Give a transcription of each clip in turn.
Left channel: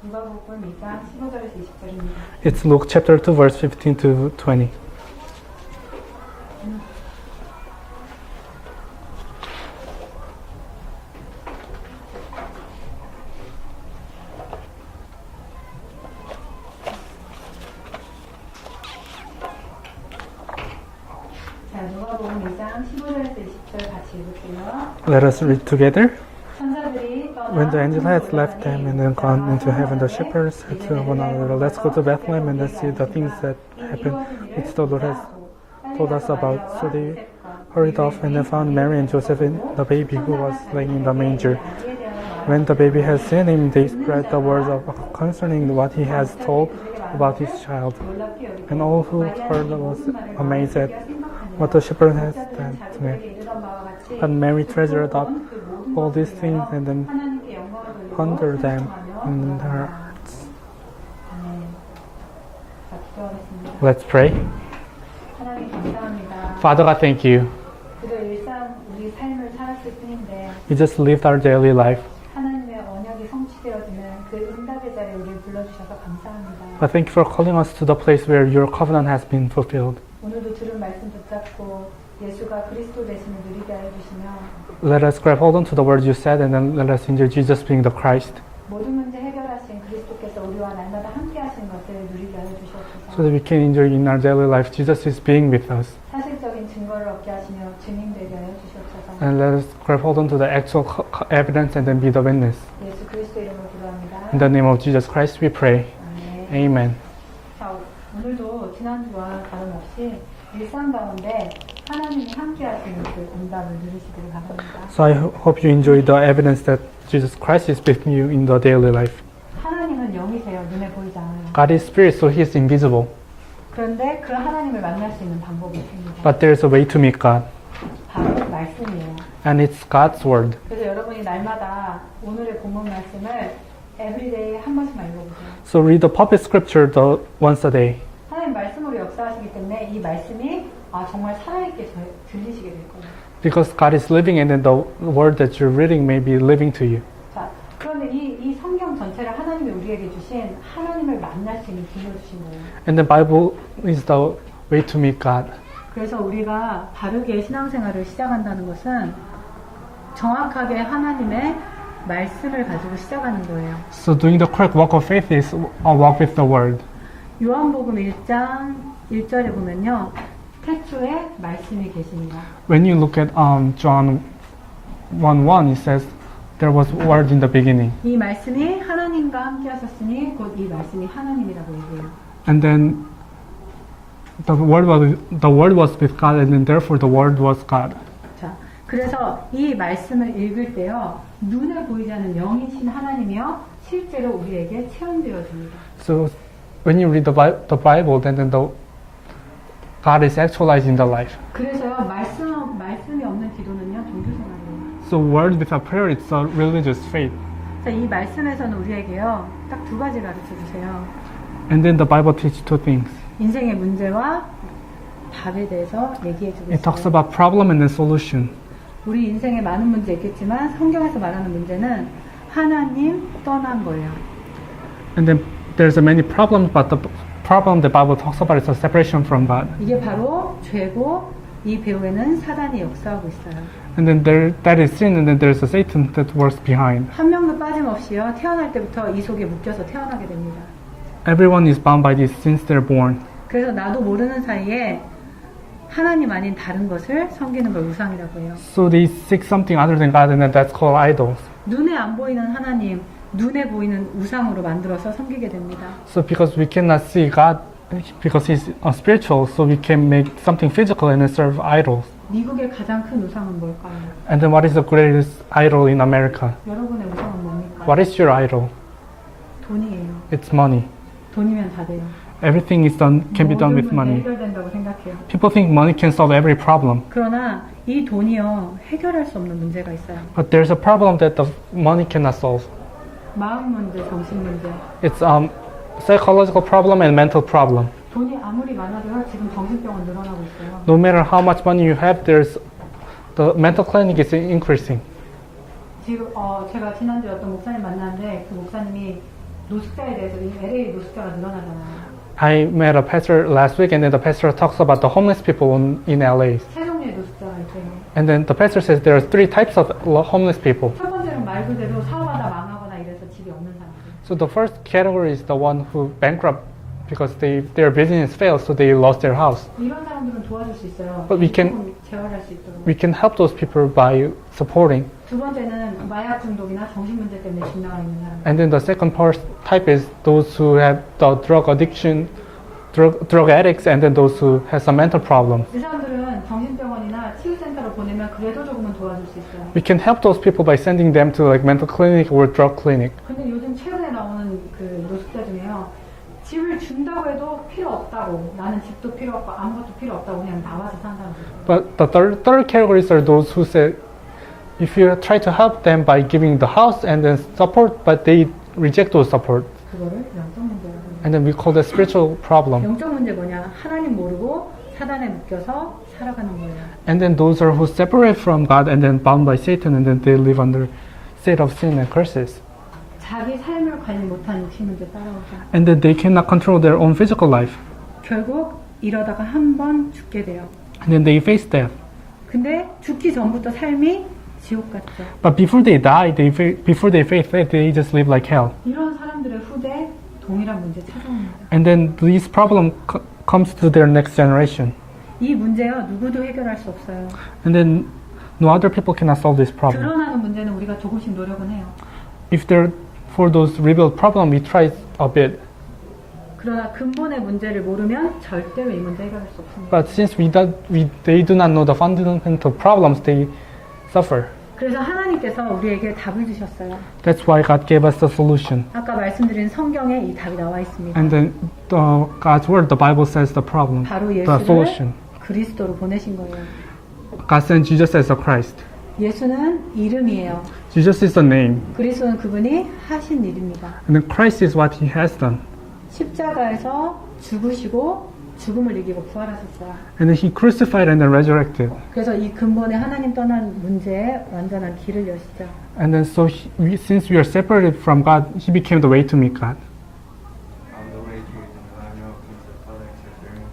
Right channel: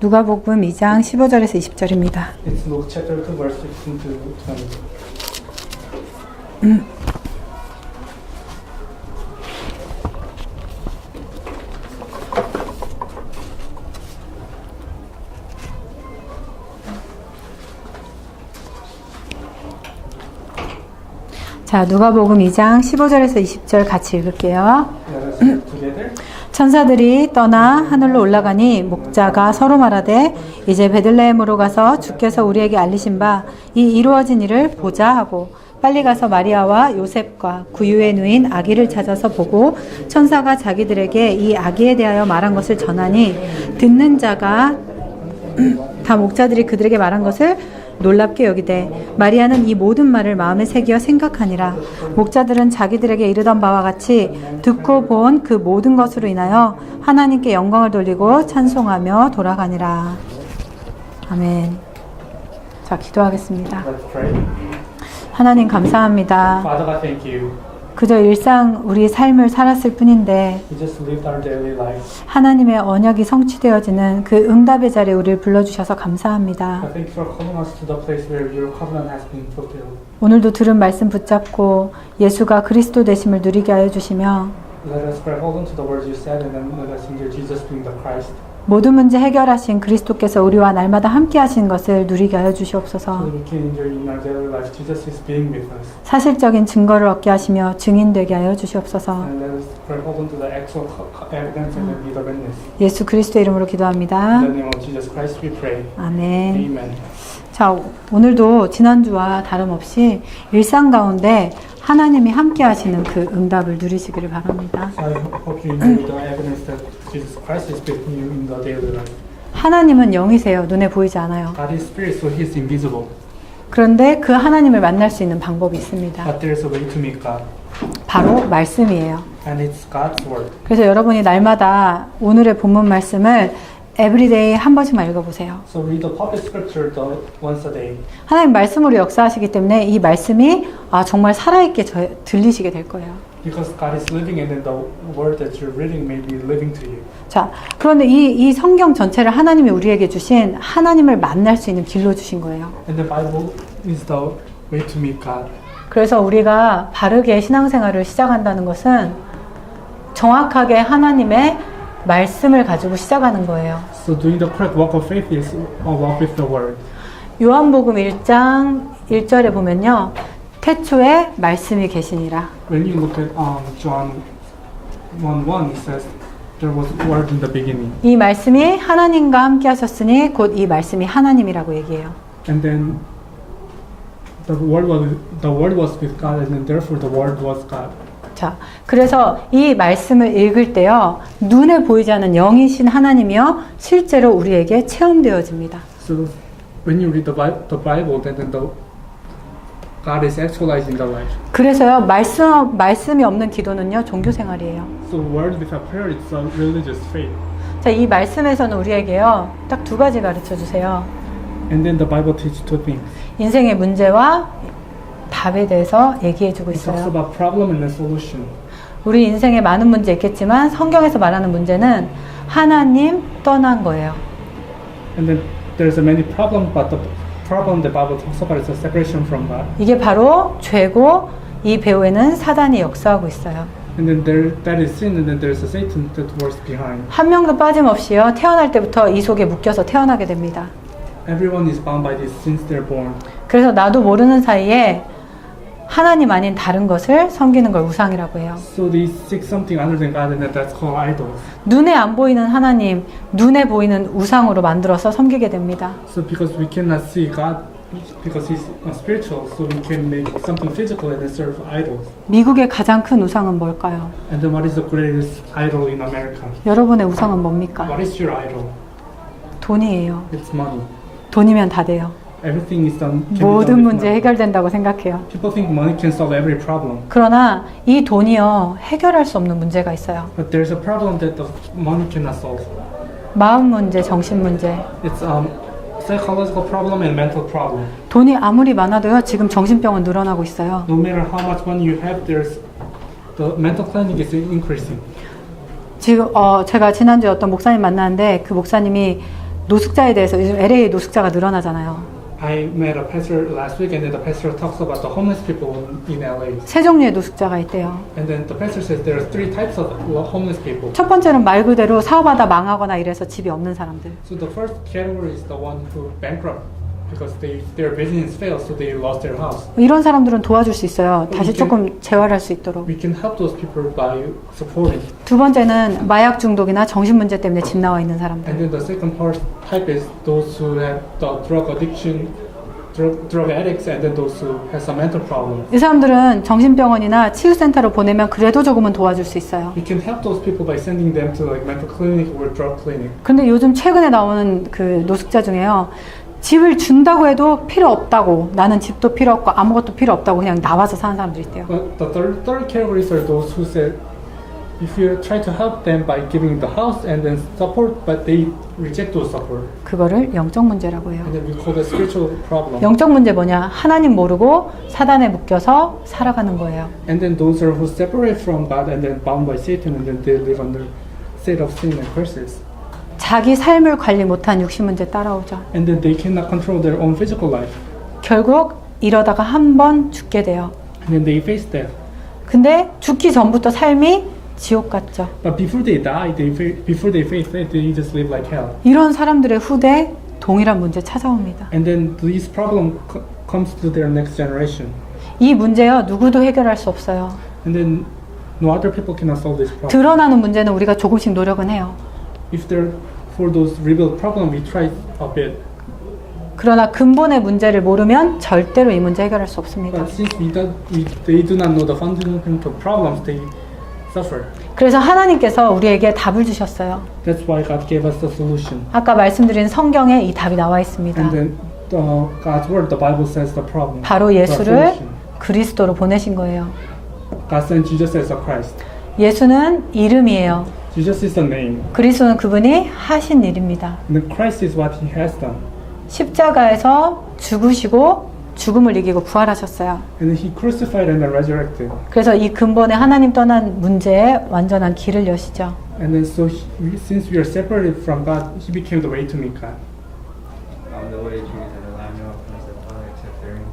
누가복음 2장 15절에서 20절입니다. It's Luke chapter 2 verse 15 to 20. 자, 누가복음 2장 15절에서 20절 같이 읽을게요. Let us read together. 천사들이 떠나 하늘로 올라가니 목자가 서로 말하되 이제 베들레헴으로 가서 주께서 우리에게 알리신 바 이 이루어진 일을 보자 하고 빨리 가서 마리아와 요셉과 구유에 누인 아기를 찾아서 보고 천사가 자기들에게 이 아기에 대하여 말한 것을 전하니 듣는 자가 다 목자들이 그들에게 말한 것을 놀랍게 여기되 마리아는 이 모든 말을 마음에 새기어 생각하니라. 목자들은 자기들에게 이르던 바와 같이 듣고 본 그 모든 것으로 인하여 하나님께 영광을 돌리고 찬송하며 돌아가니라. 아멘. 자, 기도하겠습니다. Let's pray. 하나님 감사합니다. Father God, thank you. 그저 일상 우리 삶을 살았을 뿐인데 We just lived our daily life. 하나님의 언약이 성취되어지는 그 응답의 자리에 우리를 불러주셔서 감사합니다. But thank you for calling us to the place where your covenant has been fulfilled. 오늘도 들은 말씀 붙잡고 예수가 그리스도 되심을 누리게 하여 주시며 Let us grab hold on to the words you said and then let us enjoy Jesus being the Christ. 모든 문제 해결하신 그리스도께서 우리와 날마다 함께 하신 것을 누리게 하여 주시옵소서. So that we can enjoy in our daily life Jesus is being with us. 사실적인 증거를 얻게 하시며 증인되게 하여 주시옵소서. And let us grab hold on to the actual evidence and then be the witness. 예수 그리스도의 이름으로 기도합니다. In the name of Jesus Christ we pray. 아멘. Amen. 자, 오늘도 지난주와 다름없이 일상 가운데 하나님이 함께 하시는 그 응답을 누리시기를 바랍니다. So I hope you enjoy the evidence that Jesus Christ is with you in the daily life. 하나님은 영이세요. 눈에 보이지 않아요. God is spirit, so He is invisible. 그런데 그 하나님을 만날 수 있는 방법이 있습니다. But there is a way to meet God, 바로 말씀이에요. and it's God's word. 그래서 여러분이 날마다 오늘의 본문 말씀을 에브리데이 한 번씩만 읽어보세요. So read the public scripture once a day. 하나님 말씀으로 역사하시기 때문에 이 말씀이 정말 살아있게 들리시게 될 거예요. Because God is living and then the word that you're reading may be living to you. 자, 그런데 이 성경 전체를 하나님이 우리에게 주신 하나님을 만날 수 있는 길로 주신 거예요. And the Bible is the way to meet God. 그래서 우리가 바르게 신앙생활을 시작한다는 것은 정확하게 하나님의 말씀을 가지고 시작하는 거예요. So doing the correct walk of faith is a walk with the word. 요한복음 1장 1절에 보면요. 태초에 말씀이 계시니라. When you look at John 1:1, it says there was word in the beginning. 이 말씀이 하나님과 함께 하셨으니 곧 이 말씀이 하나님이라고 얘기해요. And then the word was with God, and then therefore the word was God. 자, 그래서 이 말씀을 읽을 때요. 눈에 보이지 않는 영이신 하나님이요. 실제로 우리에게 체험되어집니다. So when you read the Bible, then God is actualized in the life. 그래서요. 말씀이 없는 기도는요. 종교 생활이에요. So word without prayer, it's a religious faith. 자, 이 말씀에서는 우리에게요. 딱 두 가지 가르쳐 주세요. And then the Bible teaches two things. 인생의 문제와 답에 대해서 얘기해 주고 It talks 있어요. about problem and then solution. 우리 인생에 많은 문제 있겠지만 성경에서 말하는 문제는 하나님 떠난 거예요. And then there's a many problems, but the problem the Bible talks about is a separation from God. 이게 바로 죄고 이 배후에는 사단이 역사하고 있어요. And then that is sin, and then there's a Satan that works behind. 한 명도 빠짐없이요. 태어날 때부터 이 속에 묶여서 태어나게 됩니다. Everyone is bound by this since they're born. 그래서 나도 모르는 사이에 하나님 아닌 다른 것을 섬기는 걸 우상이라고 해요. So they seek something other than God, and then that's called idols. 눈에 안 보이는 하나님, 눈에 보이는 우상으로 만들어서 섬기게 됩니다. So because we cannot see God, because He's spiritual, so we can make something physical and then serve idols. 미국의 가장 큰 우상은 뭘까요? And then what is the greatest idol in America? 여러분의 우상은 뭡니까? What is your idol? 돈이에요. It's money. 돈이면 다 돼요. Everything is done can be done 모든 with 문제 money. 해결된다고 생각해요. People think money can solve every problem, 그러나 이 돈이요 해결할 수 없는 문제가 있어요. but there's a problem that the money cannot solve. 마음 문제, 정신 문제. It's psychological problem and mental problem. 돈이 아무리 많아도요 지금 정신병은 늘어나고 있어요. No matter how much money you have, there's the mental clinic is increasing. 지금 제가 지난주에 어떤 목사님 만났는데 그 목사님이 노숙자에 대해서 요즘 LA 노숙자가 늘어나잖아요. I met a pastor last week, and then the pastor talks about the homeless people in LA. 세 종류의 노숙자가 있대요. And then the pastor says there are 3 types of homeless people. 첫 번째는 말 그대로 사업하다 망하거나 이래서 집이 없는 사람들. So the first category is the one who bankrupt because their business failed, so they lost their house. 이런 사람들은 도와줄 수 있어요. But 다시 we can- 조금 재활할 수 있도록. We can help those people by supporting. 두 번째는 마약 중독이나 정신 문제 때문에 집 나와 있는 사람들. And then the second type is those who have the drug addiction, drug addicts, and then those who have some mental problems. 이 사람들은 정신병원이나 치유센터로 보내면 그래도 조금은 도와줄 수 있어요. We can help those people by sending them to like mental clinic or drug clinic. 근데 요즘 최근에 나오는 그 노숙자 중에요. 집을 준다고 해도 필요 없다고, 나는 집도 필요 없고 아무것도 필요 없다고 그냥 나와서 사는 사람들이 있대요. But the third categories are those who say, if you try to help them by giving the house and then support, but they reject those support. 그거를 영적 문제라고 해요. And then we call that spiritual problem. 영적 문제 뭐냐? 하나님 모르고 사단에 묶여서 살아가는 거예요. And then those are who separate from God and then bound by Satan, and then they live under state of sin and curses. 자기 삶을 관리 못한 육신 문제 따라오죠. And then they cannot control their own physical life. 결국 이러다가 한 번 죽게 돼요. And then they face death. 근데 죽기 전부터 삶이 지옥 같죠. But before they die, before they face death, they just live like hell. 이런 사람들의 후대 동일한 문제 찾아옵니다. And then this problem comes to their next generation. 이 문제요 누구도 해결할 수 없어요. And then no other people cannot solve this problem. 드러나는 문제는 우리가 조금씩 노력은 해요. If they're for those revealed problem, we try a bit. 그러나 근본의 문제를 모르면 절대로 이 문제 해결할 수 없습니다. But since they do not know the fundamental problems, they suffer. 그래서 하나님께서 우리에게 답을 주셨어요. That's why God gave us the solution. 아까 말씀드린 성경에 이 답이 나와 있습니다. And then God's word, the Bible says the problem, 바로 the 예수를 solution. 그리스도로 보내신 거예요. God sent Jesus as a Christ. 예수는 이름이에요. Jesus is the name. 그리스도는 그분이 하신 일입니다. And then Christ is what He has done. 십자가에서 죽으시고 죽음을 이기고 부활하셨어요. And then He crucified and then resurrected. 그래서 이 근본에 하나님 떠난 문제에 완전한 길을 여시죠. And then so since we are separated from God, He became the way to meet God. I'm the way, truth, and the life. No one comes to the Father except through me.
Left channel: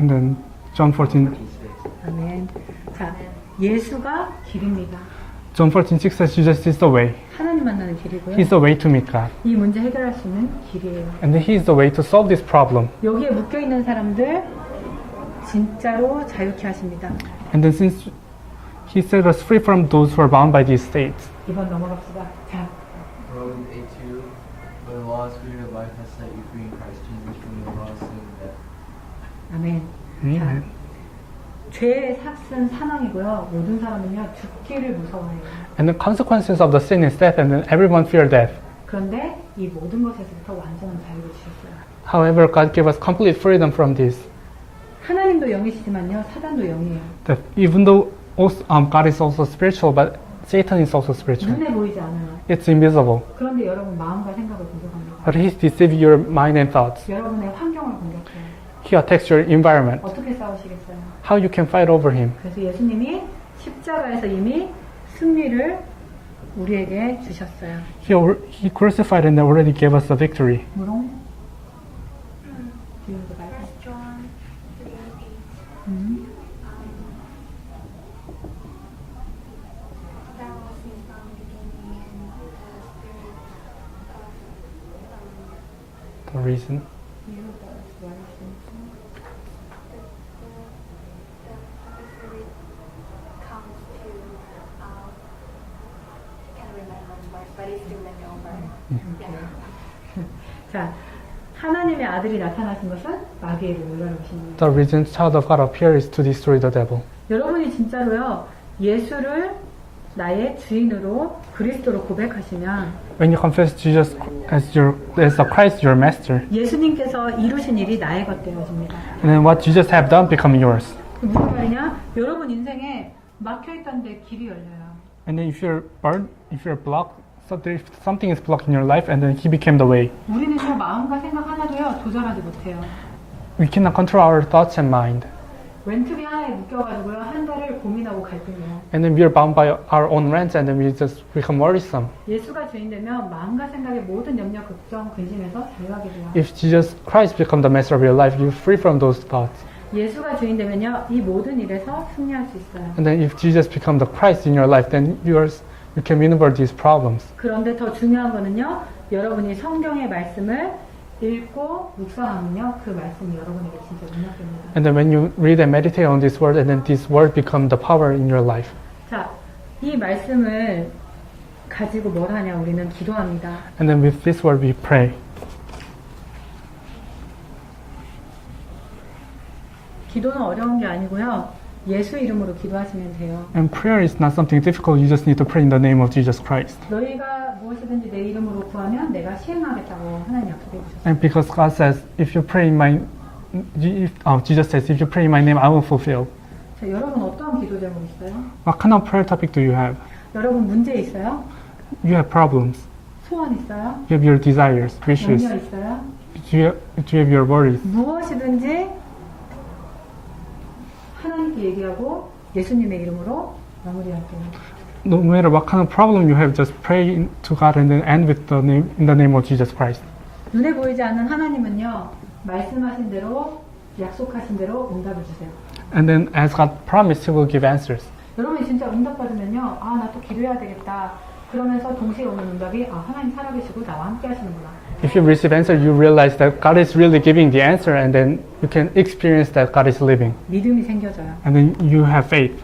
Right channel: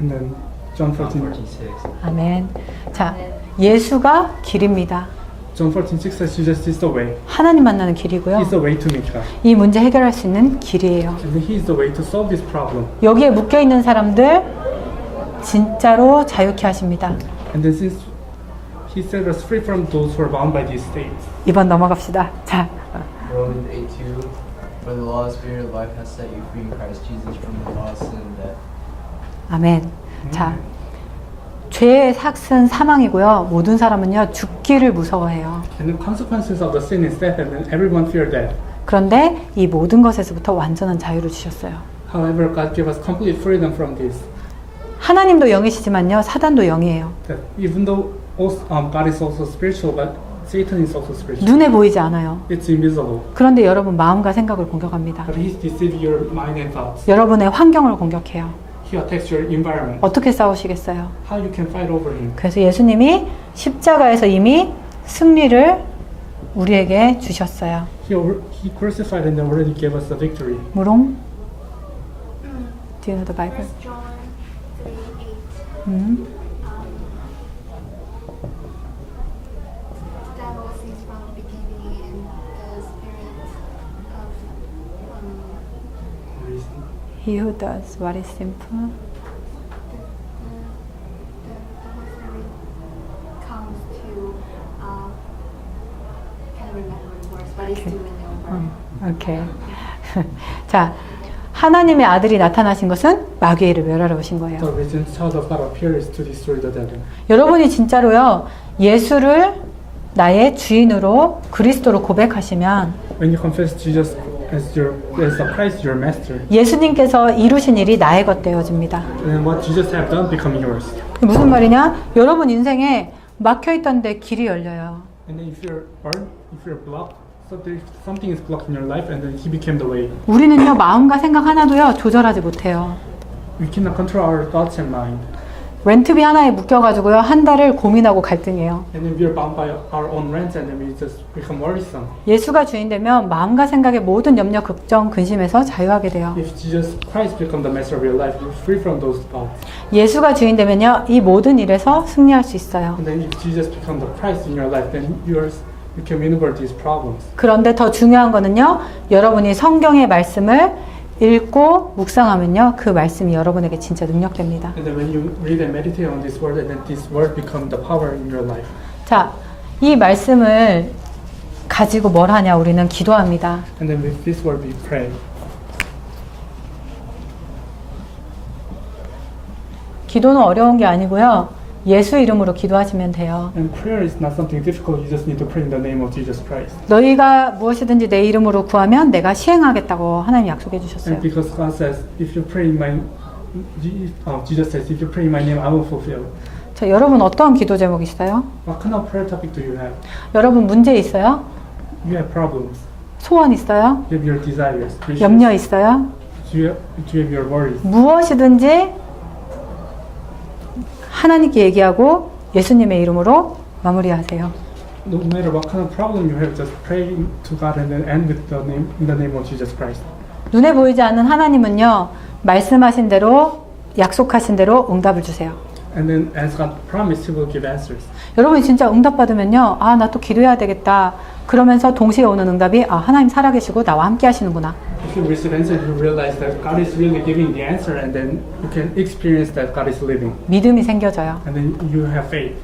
And then John 14, 46. 아멘. 자, 예수가 길입니다. John 14:6 says Jesus is the way. 하나님 만나는 길이고요. He's the way to meet God. 이 문제 해결할 수 있는 길이에요. And then He is the way to solve this problem. 여기에 묶여 있는 사람들 진짜로 자유케 하십니다. And then since He set us free from those who are bound by these states. 2번 넘어갑시다. 자, Romans 8:2. For the law of spirit of life has set you free in Christ Jesus from the law of sin and death. 아멘. 자, 죄의 삭은 사망이고요. 모든 사람은요 죽기를 무서워해요. And the consequences of the sin is death, and then everyone fear death. 그런데 이 모든 것에서부터 완전한 자유를 주셨어요. However, God gave us complete freedom from this. 하나님도 영이시지만요 사단도 영이에요. That even though God is also spiritual, but Satan is also spiritual. 눈에 보이지 않아요. It's invisible. 그런데 여러분 마음과 생각을 공격합니다. But He's deceiving your mind and thoughts. 여러분의 환경을 공격해요. He attacks your environment. 어떻게 싸우시겠어요? How you can fight over Him? 그래서 예수님이 십자가에서 이미 승리를 우리에게 주셨어요. He crucified and already gave us the victory. 무롱? Do you know the Bible? First John 3:8. That was his from the beginning and the spirit of The reason. He who does what is simple. the Holy Spirit comes to can't remember the words, but it's Okay. doing it over. 오케이. 자, 하나님의 아들이 나타나신 것은 마귀를 멸하러 오신 거예요. The reason child of God appears to destroy the devil. 여러분이 진짜로요 예수를 나의 주인으로 그리스도로 고백하시면 When you confess Jesus as the Christ, your master, 예수님께서 이루신 일이 나의 것 되어집니다. and then what Jesus have done become yours. 무슨 말이냐? 여러분 인생에 막혀있던데 길이 열려요. And then if you're barred, if you're blocked, something is blocked in your life, and then He became the way. 우리는요 마음과 생각 하나도요 조절하지 못해요. We cannot control our thoughts and mind. 렌트비 하나에 묶여가지고요 한 달을 고민하고 갈등해요. And then we are bound by our own rent, and then we just become worrisome. 예수가 주인 되면 마음과 생각의 모든 염려, 걱정, 근심에서 자유하게 돼요. If Jesus Christ become the master of your life, you're free from those thoughts. 예수가 주인 되면요 이 모든 일에서 승리할 수 있어요. And then if Jesus become the Christ in your life, then you can maneuver these problems. 그런데 더 중요한 거는요 여러분이 성경의 말씀을 읽고 묵상하면요 그 말씀이 여러분에게 진짜 능력됩니다. And then when you read and meditate on this word, and then this word become the power in your life. 자, 이 말씀을 가지고 뭘 하냐 우리는 기도합니다. And then with this word we pray. 기도는 어려운 게 아니고요. 예수 이름으로 기도하시면 돼요. And prayer is not something difficult. You just need to pray in the name of Jesus Christ. 너희가 무엇이든지 내 이름으로 구하면 내가 시행하겠다고 하나님 약속해 주셨어요. And because God says, if you pray in my, Jesus says, if you pray in my name, I will fulfill. 자, 여러분 어떤 기도 제목 있어요? What kind of prayer topic do you have? 여러분 문제 있어요? You have problems. 소원 있어요? You have your desires, wishes. 염려 있어요? Do you have your worries? 무엇이든지 하나님께 얘기하고 예수님의 이름으로 마무리하세요. No matter what kind of problem you have, just pray to God and then end with in the name of Jesus Christ. 눈에 보이지 않는 하나님은요 말씀하신 대로 약속하신 대로 응답을 주세요. And then as God promised, He will give answers. 여러분이 진짜 응답 받으면요 아 나 또 기도해야 되겠다 그러면서 동시에 오는 응답이 아 하나님 살아계시고 나와 함께 하시는구나. If you receive answer, you realize that God is really giving the answer, and then you can experience that God is living. 믿음이 생겨져요. And then you have faith.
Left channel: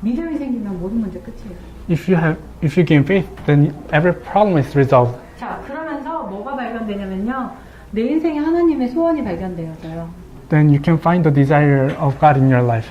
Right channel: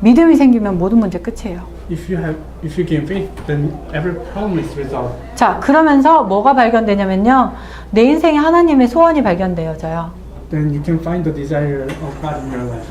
믿음이 생기면 모든 문제 끝이에요. If you gain faith, then every problem is resolved. 자 그러면서 뭐가 발견되냐면요 내 인생에 하나님의 소원이 발견되어져요. Then you can find the desire of God in your life.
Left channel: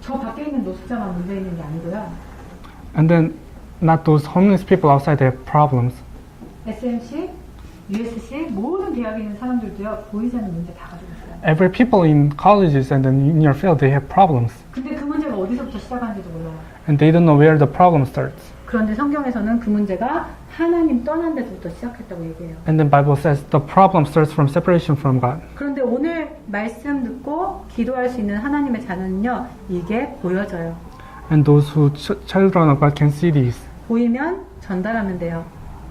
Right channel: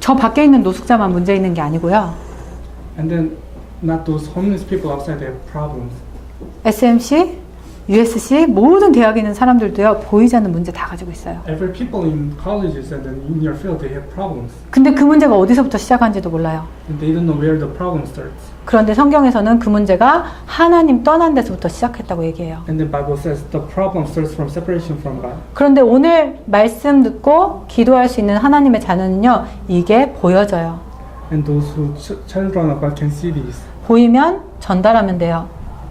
저 밖에 있는 노숙자만 문제 있는 게 아니고요. And then not those homeless people outside that have problems. SMC, USC 모든 대학에 있는 사람들도요 보이지 않는 문제 다 가지고 있어요. Every people in colleges and then in your field, they have problems. 근데 그 문제가 어디서부터 시작한지도 몰라요. And they don't know where the problem starts. 그런데 성경에서는 그 문제가 하나님 떠난 데서부터 시작했다고 얘기해요. And then Bible says the problem starts from separation from God. 그런데 오늘 말씀 듣고 기도할 수 있는 하나님의 자녀는요 이게 보여져요. And those who children of God can see these. 보이면 전달하면 돼요.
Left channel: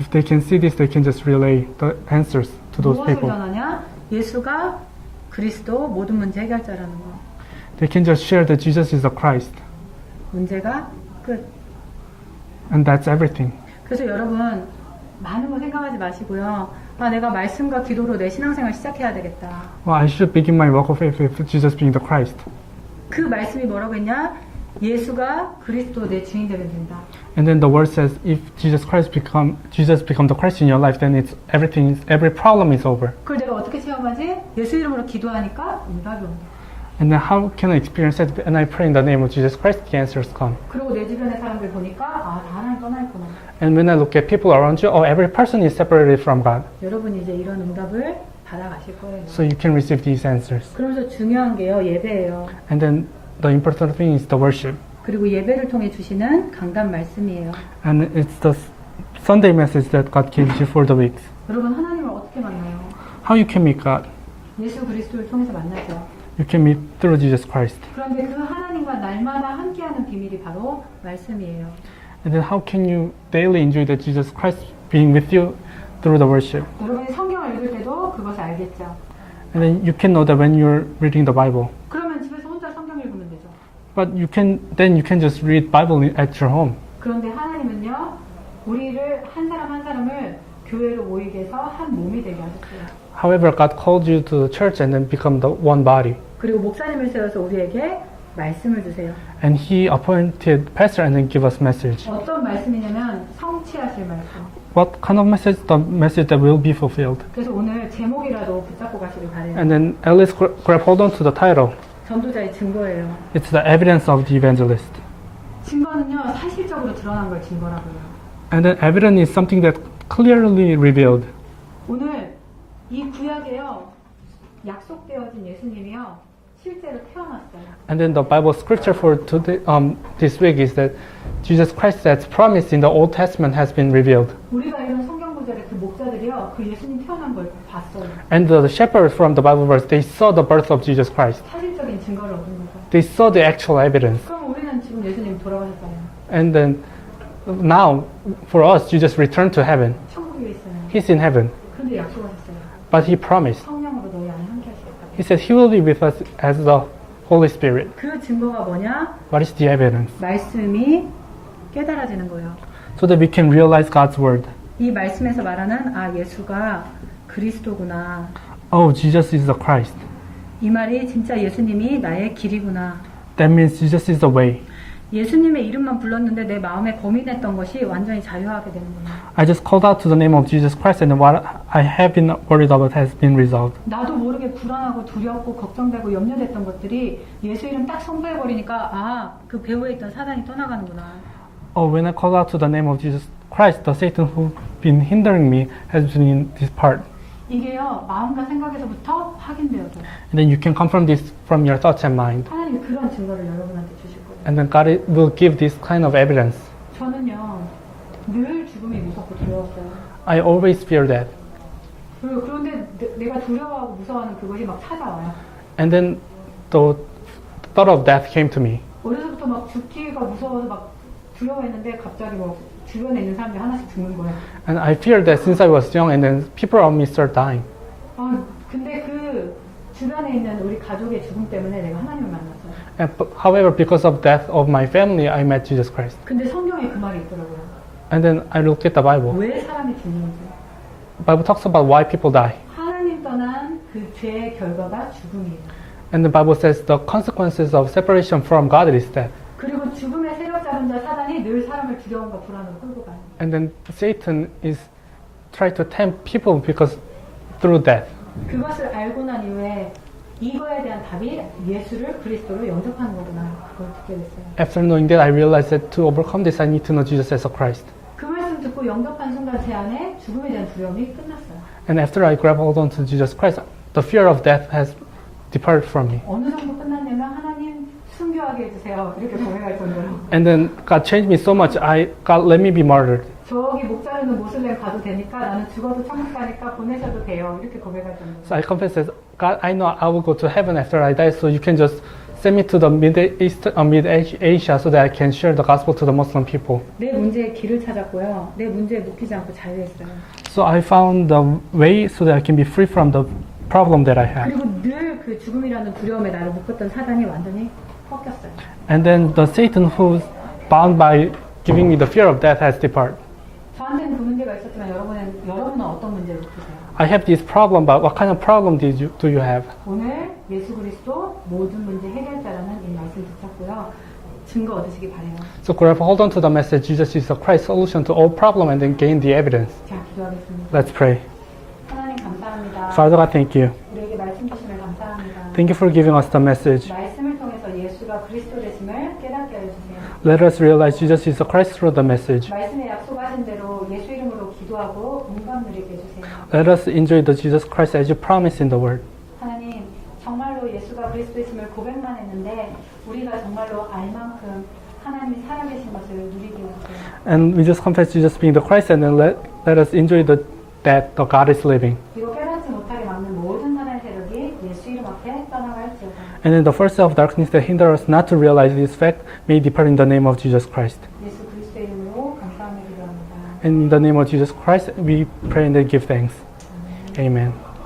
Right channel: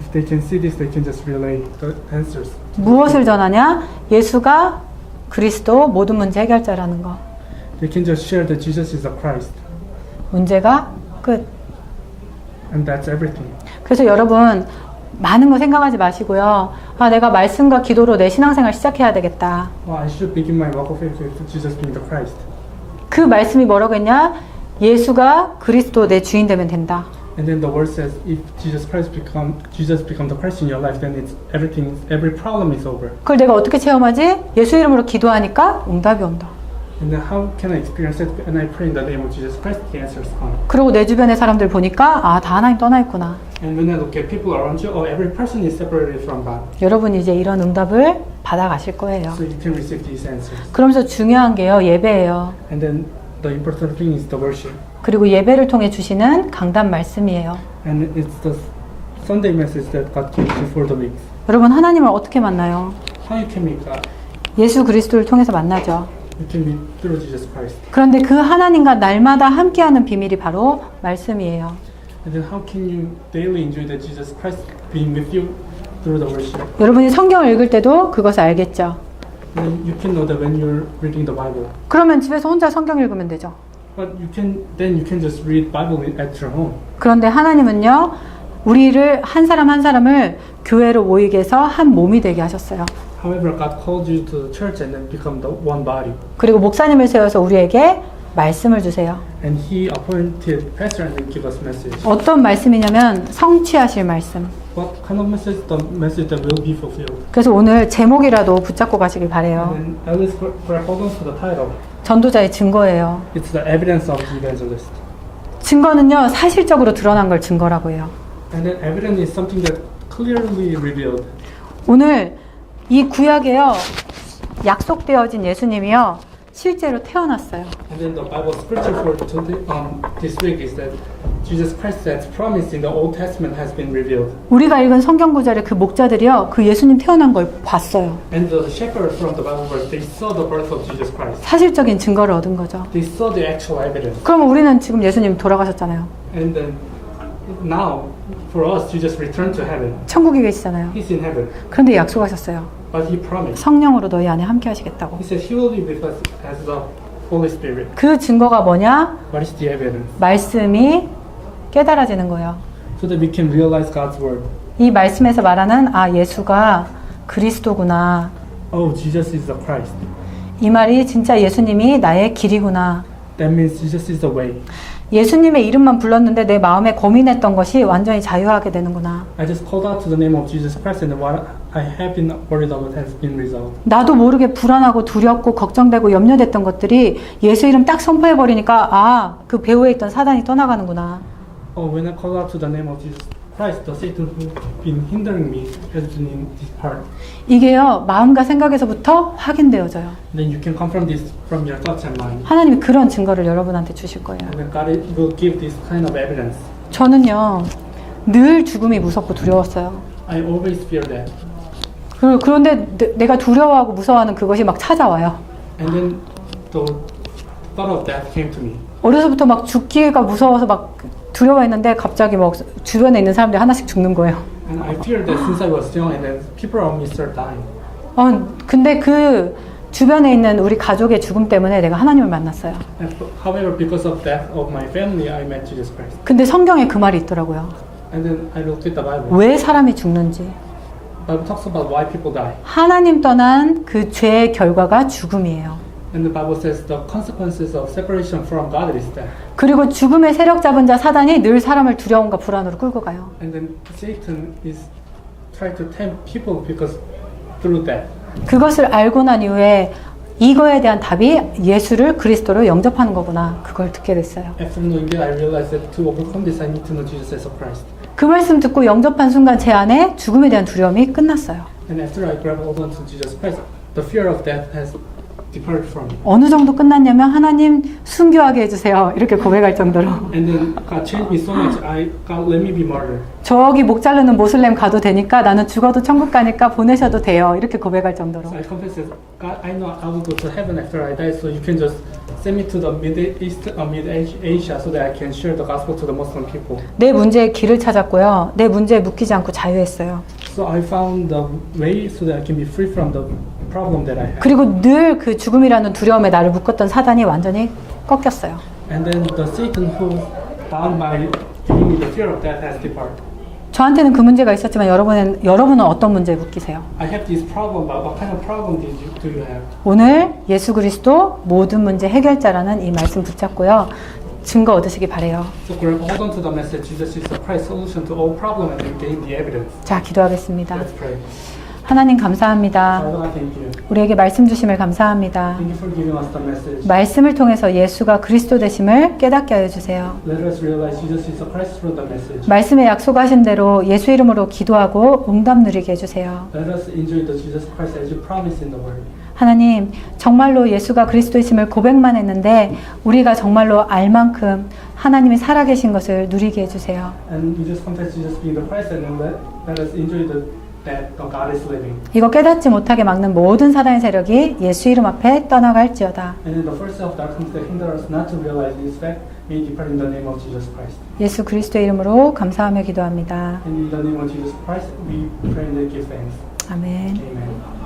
If they can see this, they can just relay the answers to those 무엇을 people. 전하냐? 예수가 그리스도 모든 문제 해결자라는 거. They can just share that Jesus is the Christ. 문제가 끝. And that's everything. 그래서 여러분 많은 거 생각하지 마시고요. 아 내가 말씀과 기도로 내 신앙생활 시작해야 되겠다. Well, I should begin my walk of faith with Jesus being the Christ. 그 말씀이 뭐라고 했냐? 예수가 그리스도 내 주인 되면 된다. And then the word says, if Jesus become the Christ in your life, then every problem is over. 그걸 내가 어떻게 체험하지? 예수 이름으로 기도하니까 응답이 온다. And then how can I experience it? And I pray in the name of Jesus Christ, the answers come. 그리고 내 주변의 사람들 보니까 아 다 하나님 떠나 있구나. And when I look at people around you, every person is separated from God. 여러분이 이제 이런 응답을 받아가실 거예요. So you can receive these answers. 그러면서 중요한 게요 예배예요. And then the important thing is the worship. 그리고 예배를 통해 주시는 강단 말씀이에요. And it's the Sunday message that God gives you for the weeks. 여러분 하나님을 어떻게 만나요? How you can meet God? 예수 그리스도를 통해서 만나죠. You can meet through Jesus Christ. 그런데 그 하나님과 날마다 함께하는 비밀이 바로 말씀이에요. And then how can you daily enjoy that Jesus Christ being with you through the worship? 여러분이 성경을 읽을 때도 그것을 알겠죠. And then you can know that when you're reading the Bible. 그러면 집에서 혼자 성경 읽으면 되죠. But you can just read Bible at your home. 그런데 하나님은요, 우리를 한 사람을 교회로 모이게 해서 한 몸이 되게 하셨어요. However, God called you to the church and then become the one body. 그리고 목사님을 세워서 우리에게 말씀을 주세요. And He appointed pastor and then give us message. 어떤 말씀이냐면 성취하실 말씀. What kind of message? The message that will be fulfilled. 그래서 오늘 제목이라도 붙잡고 가시길 바래요. And then at least grab hold on to the title. 전도자의 증거예요. It's the evidence of the evangelist. 증거는요, 사실적으로 드러난 걸 증거라고 해요. And then evidence is something that clearly revealed. 오늘 이 구약에요, 약속되어진 예수님이요, 실제로 태어났어요. And then the Bible scripture for today, this week is that Jesus Christ that's promised in the Old Testament has been revealed. 우리가 읽은 성경 구절의 그 목자들이요, 그 예수님 태어난 걸 봤어요. And the shepherds from the Bible verse, they saw the birth of Jesus Christ. 사실적인 증거를 얻은 거죠. They saw the actual evidence. 그러면 우리는 지금 예수님 돌아가셨잖아요. And then now, for us, Jesus returned to heaven. 천국에 계시잖아요. He's in heaven. 그런데 약속하셨어요. But he promised. 성령으로 너희 안에 함께 하시겠다고. He said he will be with us as the Holy Spirit. 그 증거가 뭐냐? What is the evidence? 말씀이 깨달아지는 거예요. So that we can realize God's word. 이 말씀에서 말하는 예수가 그리스도구나. Oh, Jesus is the Christ. 이 말이 진짜 예수님이 나의 길이구나. That means Jesus is the way. 예수님의 이름만 불렀는데 내 마음에 고민했던 것이 완전히 자유하게 되는구나. I just called out to the name of Jesus Christ and what I have been worried about has been resolved. 나도 모르게 불안하고 두렵고 걱정되고 염려됐던 것들이 예수 이름 딱 선포해버리니까 그 배후에 있던 사단이 떠나가는구나. Oh, when I called out to the name of Jesus Christ, the Satan who's been hindering me has been dispersed. 이게요, 마음과 생각에서부터 확인되어져요. And then you can confirm this from your thoughts and mind. 하나님이 그런 증거를 여러분한테 주실 거예요. And then God will give this kind of evidence. 저는요, 늘 죽음이 무섭고 두려웠어요. I always fear that. 그런데 내가 두려워하고 무서워하는 그것이 막 찾아와요. And then the thought of death came to me. 어려서부터 막 죽기가 무서워서 막 두려워했는데 갑자기 막 주변에 있는 사람들이 하나씩 죽는 거예요. And I feared that since I was young and then people around me start dying. 근데 그 주변에 있는 우리 가족의 죽음 때문에 내가 하나님을 만났어요. And however, because of death of my family, I met Jesus Christ. 근데 성경에 그 말이 있더라고요. And then I looked at the Bible. 왜 사람이 죽는지. The Bible talks about why people die. 하나님 떠난 그 죄의 결과가 죽음이에요. And the Bible says the consequences of separation from God is death. 그리고 죽음의 세력 잡은 자 사단이 늘 사람을 두려움과 불안으로 끌고 가요. And then Satan is trying to tempt people because through death. 그것을 알고 난 이후에 이거에 대한 답이 예수를 그리스도로 영접하는 거구나. 그걸 듣게 됐어요. After knowing that, I realized that to overcome this, I need to know Jesus as a Christ. 그 말씀 듣고 영접한 순간 제 안에 죽음에 대한 두려움이 끝났어요. And after I grab hold onto Jesus Christ, the fear of death has departed from me. 어느 정도 끝났냐면 하나님 순교하게 해주세요. 이렇게 고백할 정도로. And then God changed me so much. God let me be martyred. 저기 목 자르는 모슬렘 가도 되니까 나는 죽어도 천국 가니까 보내셔도 돼요. 이렇게 고백할 정도로. So I confess that God, I know I will go to heaven after I die. So you can just send me to the Mid-Asia so that I can share the gospel to the Muslim people. 내 문제의 길을 찾았고요. 내 문제에 묶이지 않고 자유했어요. So I found the way so that I can be free from the problem that I had. 그리고 늘 그 죽음이라는 두려움에 나를 묶었던 사단이 완전히 꺾였어요. And then the Satan who's bound by giving me the fear of death has departed. 저한테는 그 문제가 있었지만 여러분은 어떤 문제에 묶이세요? I have this problem, but what kind of problem do you have? 오늘 예수 그리스도 모든 문제 해결자라는 이 말씀 붙잡고요. 증거 얻으시기 바래요. So grab hold on to the message. Jesus is the Christ solution to all problem, and then gain the evidence. 자, 기도하겠습니다. Let's pray. 하나님 감사합니다. Father God, thank you. 우리에게 말씀 주심을 감사합니다. Thank you for giving us the message. 말씀을 통해서 예수가 그리스도 되심을 깨닫게 하여 주세요. Let us realize Jesus is the Christ through the message. 말씀에 약속하신 대로 예수 이름으로 기도하고 응답 누리게 해주세요. Let us enjoy the Jesus Christ as you promised in the Word. 하나님, 정말로 예수가 그리스도이심을 고백만 했는데 우리가 정말로 알 만큼 하나님이 살아계신 것을 누리게 해주세요. And we just confess Jesus being the Christ, and then let us enjoy that the God is living. 이거 깨닫지 못하게 막는 모든 사단의 세력이 예수 이름 앞에 떠나갈지어다. And then the forces of darkness that hinder us not to realize this fact may depart in the name of Jesus Christ. 예수 그리스도의 이름으로 감사하며 기도합니다. And in the name of Jesus Christ, we pray and give thanks. 아멘. Amen.